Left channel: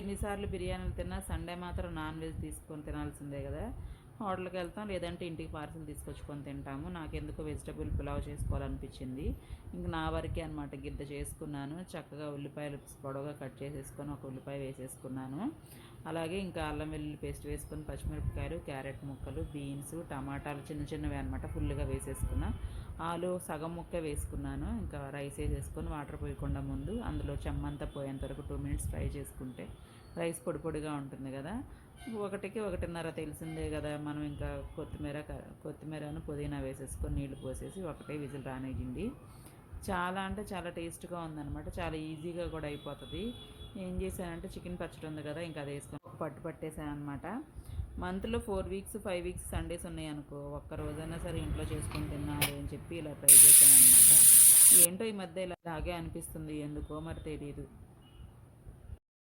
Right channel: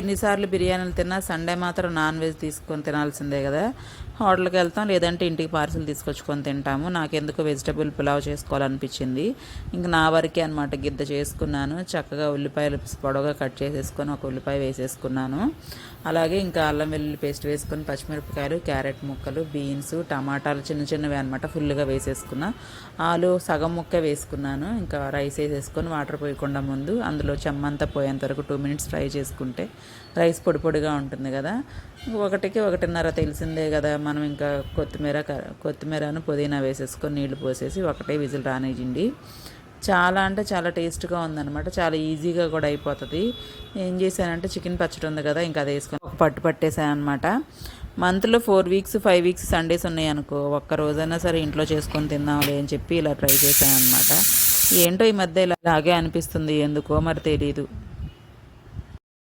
ఎన్నిసార్లు బిర్యానీలు తిన్నా సండే మాత్రం నాన్ వెజ్ తీసుకొని తినాల్సిందే కదా. హోటల్కి వెళ్తాం, లేదంటే ఇంటికి పార్సిల్ తీసుకొచ్చుకొని తింటాము. నాకెందుకు వెజిటబుల్ పులావ్ చేసుకోవాలనిపించింది. ఇంక నా వరకే అనమాట, గిద్ద చేసుకున్నాను. చక్కగా ఉల్లిపాయలు పొడవుగా కట్ చేసేసుకొని ఒక ఉల్లిపాయ వేసేసుకున్నాను. అలాగే ఇంకా అల్లం వెల్లుల్లి పేస్ట్ వేసుకొని పచ్చిమిరపకాయలు, క్యారెట్ ముక్కలు, బీన్స్, టమాటాలు చిన్న చిన్నవి అనమాట ఫుల్గా వేసేసుకున్నా. ఆలు సగం ముక్క వేసుకున్నాను. ఇంకా రైస్ వేసేసుకొని వాటర్ పోయకుండా ముందు అందులో చెమ్మంతా పోయేంత వరకు 2 minutes ఫ్రై చేసుకుంటే రైస్ పొడి పొడిగా ఉంటుంది కదా. 1-1.5 తెలిసిందే కదా. మనం ఇంకా కొత్తిమీరను పుదీనా వేసేసుకొని నీళ్లు పోసేసి ఒకటే విజిల్ రానివ్వండి. చాలా అంటే చాలా టేస్ట్గా ఉందన్నమాట. చాలా ఈజీగా కూడా అయిపోతుంది. ఏం చేశానంటే చికెన్ పచ్చడి ఉంది కదా, ఇంకా అది వేసుకొని ఒక పట్టు పట్టేసాను అనమాట. మంత్లో 4 weeks 5 weeks సండేస్ ఉన్నాయి అనుకో, ఒక్క రోజైనా సరే ఇంట్లో చేసుకొని తిందాంలే అని చెప్పి ఇలా ట్రై చేశాను అనమాట. ఏంటో ఈ మధ్య ఇలాగే అనిపిస్తుంది, ఎందుకో మరి తెలీదు.